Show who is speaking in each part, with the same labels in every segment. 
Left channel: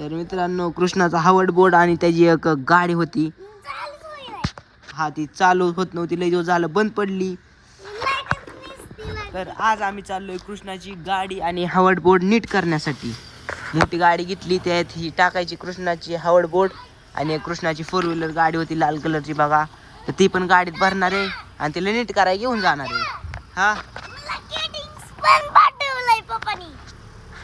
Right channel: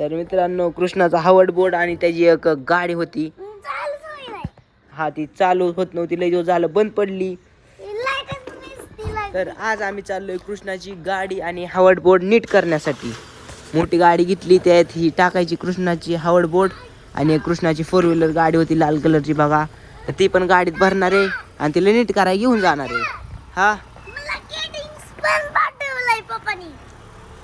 Speaker 1: तर मित्रांनो कृष्णाचा हावड बोर्ड आणि त्याची एक गाडी होती. हा ती चालू होत नव्हती लय जो झालं बंद पडली. तर आज आम्ही चाललोय कृष्णाची गाडी आणि हावड बोर्ड नीट करण्यासाठी. मोठी गाडी घेतली त्यात ही टाकायची कृष्णाची हावड बोर्ड आणि कृष्णाची फोर व्हीलर गाडी होती लाल कलरची बघा. तर ती पण गाडीत भरणार आहे आणि तिला नीट करायला घेऊन जाणार आहे. हा?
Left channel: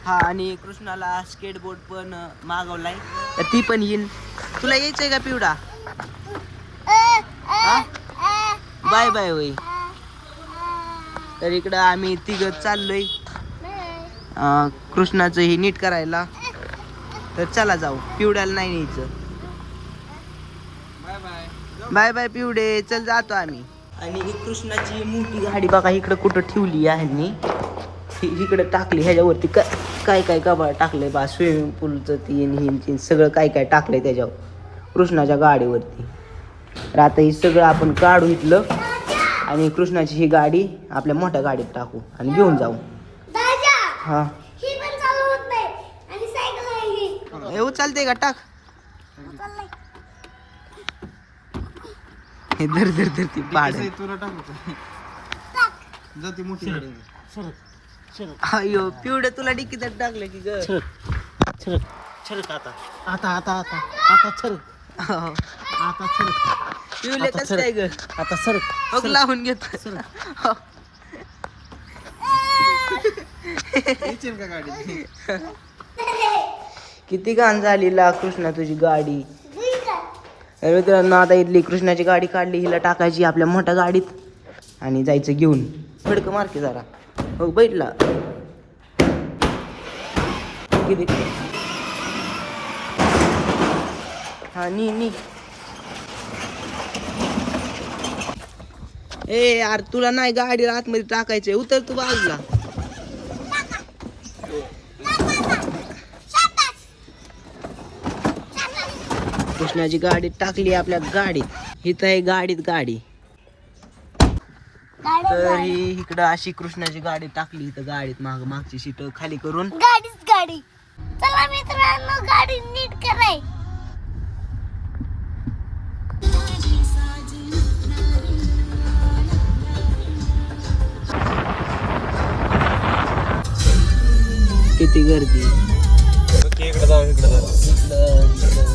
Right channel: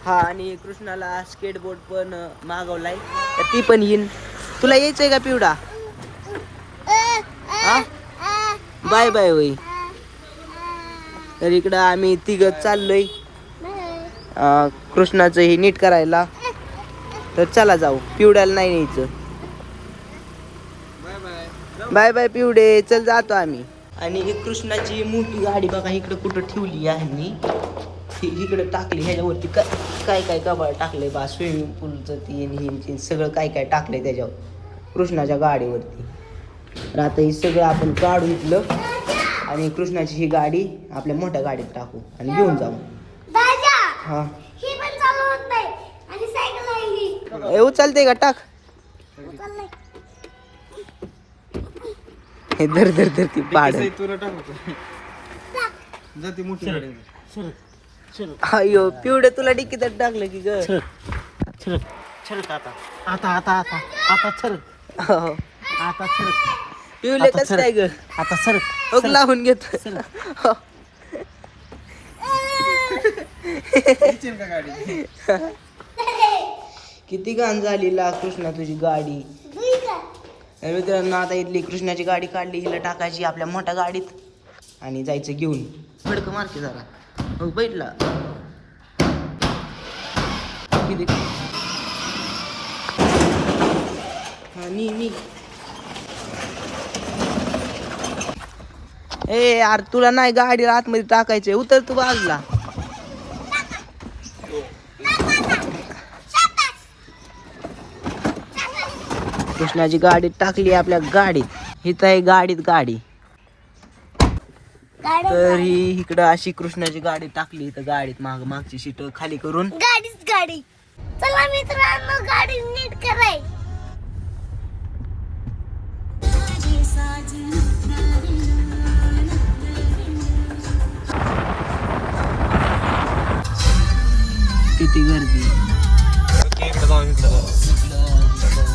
Speaker 1: हा आणि कृष्णाला स्केटबोर्ड पण मागवलाय. तर ती पण येईन. तुला यायचंय का पिवडा? हा? बाय बाय होई. तर इकडं आम्ही तिघ चाललोय. कृष्णाचं हे नीट करायला. तर चला जाऊ. पिवड्याला नाही न्यायचं. बाय बाय पिवडे. चल जातो आम्ही. आणि ही कृष्णाची मोठी गाडी बघा इकडं कुठं ठेवली आहे हि इकडं टाकली ह्याच्यावरती क- काय काय कबाळ टाकलंय बा स्विमिंग पूलचं तीन तीन सगळं काय काय टाकलंय त्याच्यावर कृष्णाच्या गाडीवरती. तर आता हे सगळं आपण काढून इथलं आणि कृष्णाची ही गाडी आपल्या मोठ्या गाडीत टाकू आणि घेऊन जाऊ. हा. येऊ चालतंय का? टाक. हे धर धर धर ती पाड.
Speaker 2: तुला जाते मोठी गाडी.
Speaker 1: अयो पिवडे तुला डिक्कीत टाकलं की ग.
Speaker 2: आता? आता आता आता
Speaker 1: हो.
Speaker 2: आता
Speaker 1: पिवले कस काय ग?
Speaker 2: आता सरक
Speaker 1: ओक लावून घेत. हो.
Speaker 2: येशील का गाडी?
Speaker 1: किती घाण झाली ला कृष्णा तुझी गाडी. तर मित्रांनो आता इथली कृष्णाची गाडी काढली हिला टाकायची आपल्या मोठ्या गाडीत. आणि जायचं घेऊन. फडकं मारके जरा. मग बैठला. किती हा नी नी. ए यार तुला नाही गाडी आतमध्ये टाकायचे उतर तू बाजूला. कृष्णाची गाडी टाकली आपल्या गाडीत. हिथं आहे गाडीत गाडी. तर ही इकडं अशी कृष्णाची गाडी टाकली इथं गाडीत माग मागची सीट खाली करून.
Speaker 3: गाडीच गाडी. चला मित्रांनो गाडी नीट कराय.
Speaker 1: किती गर्दी
Speaker 2: इकडे जाऊ इकडे जाऊ
Speaker 1: इकडं, इकडं.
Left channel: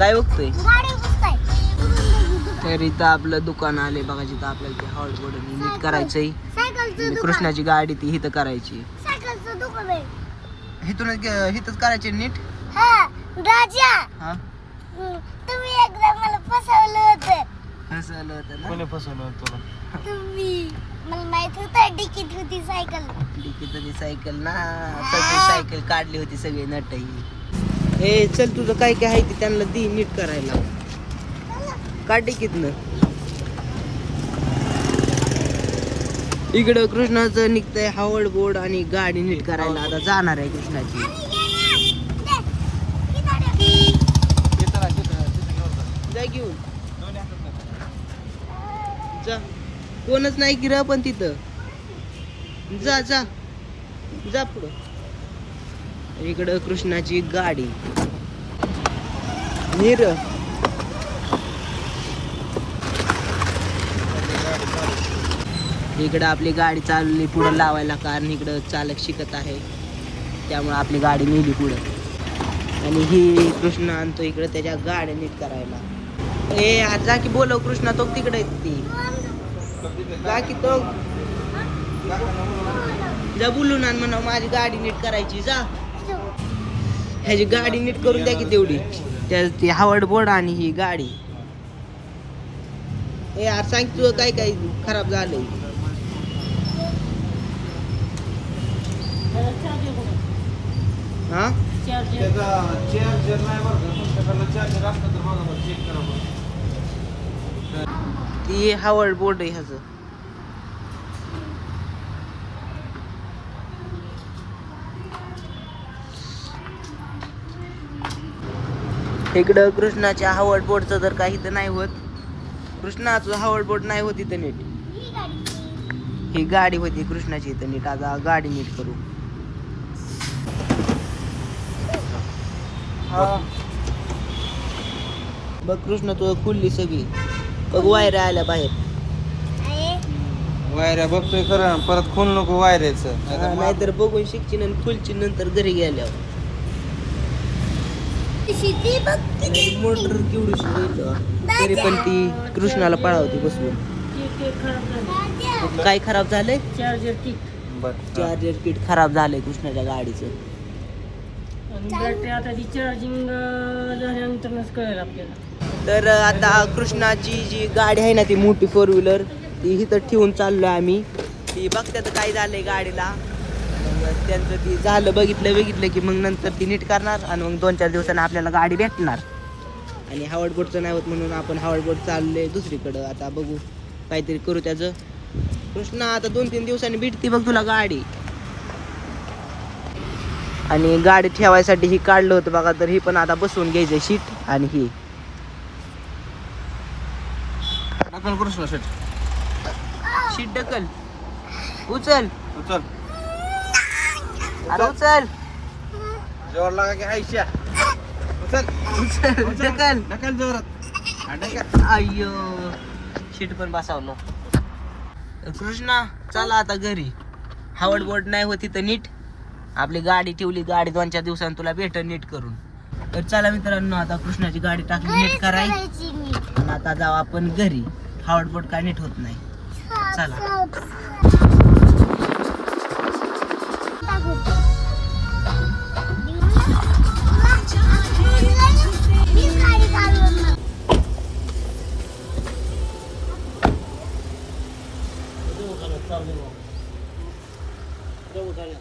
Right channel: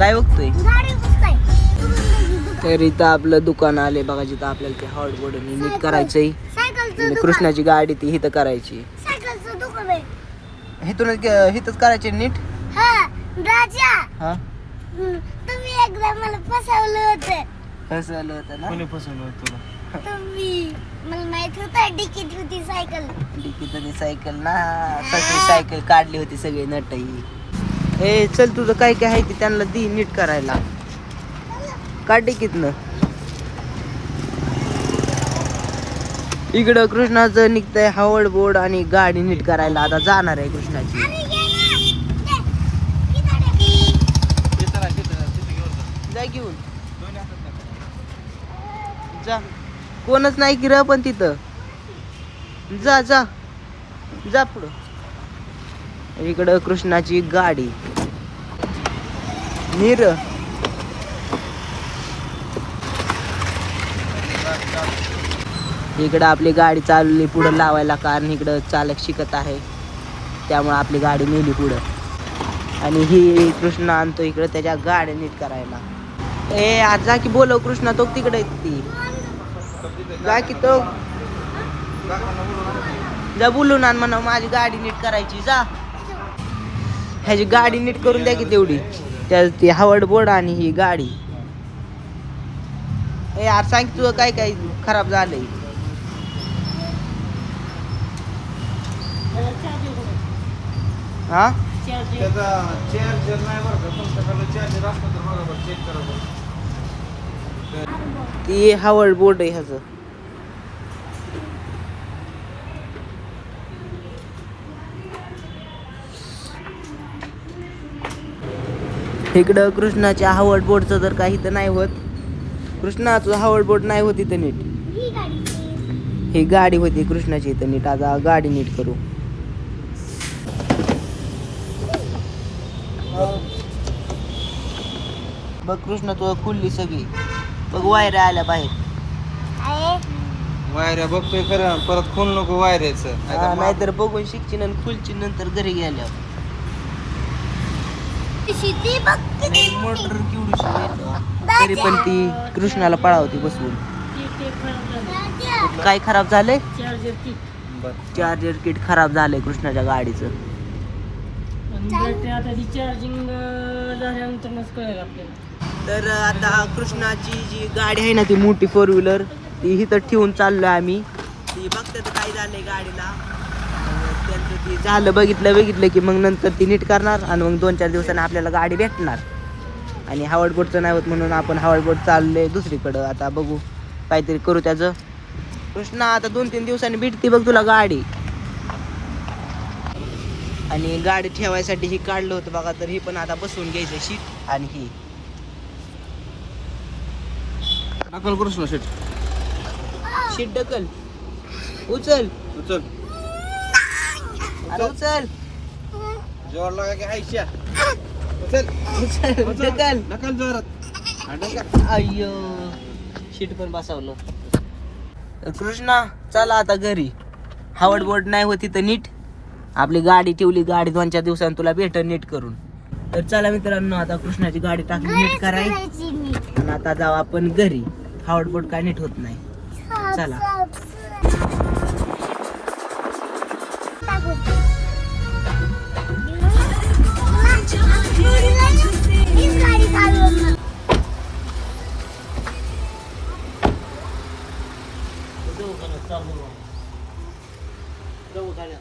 Speaker 1: काय बघतोय? तर इथं आपलं दुकान आले बघा जिथं आपल्याला ते हॉट बोर्ड नीट करायचंय. कृष्णाची गाडी ती हिथं करायची.
Speaker 3: सायकलचं दुकान आहे.
Speaker 1: हिथूनच हिथंच करायची नीट?
Speaker 3: हा
Speaker 1: हा?
Speaker 3: तुम्ही एकदा मला फसवलं होतं.
Speaker 1: कसं आलं होतं ना?
Speaker 2: कोणी फसवलं तुला
Speaker 3: तुम्ही. मला माहीत होतं डिकीट होती सायकल.
Speaker 1: सायकल ना. सगळी सायकल काढली होती सगळे नटही हे चल तुझं काय काय आहे की त्यांना दी नीट करायला. काटे कितन इकडं कृष्णाचं निघतंय हवळ बोर्ड आणि गाडी नीट करायला. आता जाणार आहे कृष्णाची. जा घेऊन. जा. कोणच नाही की र पण तिथं. जा जा. जा पुढं. इकडं कृष्णाची गाडी. नीर. इकडं आपली गाडी चालली पुढं लावायला कारण इकडं चालक शिकत आहे. त्यामुळे आपली गाडी नेली पुढं. आणि ही कृष्ण आणतो इकडं त्याच्या गाडी नीट करायला. ए आज जा की बोलव कृष्णा तो तिकडे ती. जा की तो. जा बोलून आण म्हणा माझी गाडी नीट करायची जा. ह्याची गाडी नीट करून द्या की तेवढी. त्या ती हावड बोर्ड आणि ही गाडी. ए यार सांग तुझं काय काय खराब झालंय. हा? ती हावड बोर्ड आहे ह्याचं. इकडं कृष्णाच्या हावड बोर्डचं तर काही तर नाही होत. कृष्णा तुझा हावड बोट नाही होती तर नीट.
Speaker 3: ही गाडी
Speaker 1: होती कृष्णाची तर नीट. आता गाडी नीट करू. बघ कृष्ण तुझं खुलली सगळी. बघ वायऱ्या आल्या बाहेर.
Speaker 2: वायऱ्या बघतोय खरं ना परत खून नको वायऱ्याचं.
Speaker 1: नाहीतर बघून शिकची आणि खुलची नंतर घरी गेल्यावर.
Speaker 3: शेती बघ किती
Speaker 1: मोटर केवढी तरी पण ती कृष्णाला पळावती बसवून. काय खराब झालंय?
Speaker 4: Charger kit.
Speaker 1: चार्जर किट खराब झालंय कृष्णाच्या गाडीचं.
Speaker 4: बॅटरी आता ती चार्जिंग झाल्यानंतरच कळेल आपल्याला.
Speaker 1: तर आता कृष्णाची जी गाडी आहे ना ती मोठी फोर व्हीलर ती इथं ठेवून चाललोय आम्ही. ती बघतात काय झालंय गाडीला. त्यांचं ती झालं बघितलं बघितलं की मग नंतर ती नीट करणार आणि मग दोन चार दिवसांनी आपल्याला गाडी भेटणार. आणि हावड बोटचं नाही होत म्हणून आपण हावड बोट चाललोय दुसरीकडं. आता बघू काहीतरी करू त्याचं. कृष्णा आता दोन तीन दिवसांनी भेटते बघ तुला गाडी. आणि गाडी ठेवायसाठी ही काढलं होतं बघा तर ही पण आता बसवून घ्यायचं शीट आणि ही.
Speaker 2: कृष्ण शेट?
Speaker 1: शीट ढकल. उचल.
Speaker 2: उचल.
Speaker 1: अरे उचल.
Speaker 2: जोर लागा की आयशा उचल.
Speaker 1: उचल. ढकल
Speaker 2: नकल. जोरात. आणि नका.
Speaker 1: अय्यो. शीट पण बसावलं. कृष्णा चला आता घरी. हावड बोर्ड नाही होती तर नीट. आपली गाडी ठेवली गाडी दोन चार दिवसांनी तुला भेट नीट करून. तर चला मित्रांनो आता कृष्णाची गाडी टाकली नीट कराय.
Speaker 3: करायची
Speaker 1: आता जाऊ आपण घरी. हावड बोर्ड काय नीट होत नाही. चला.
Speaker 3: हीच गाडी चालवणार.
Speaker 1: जाऊ घरी.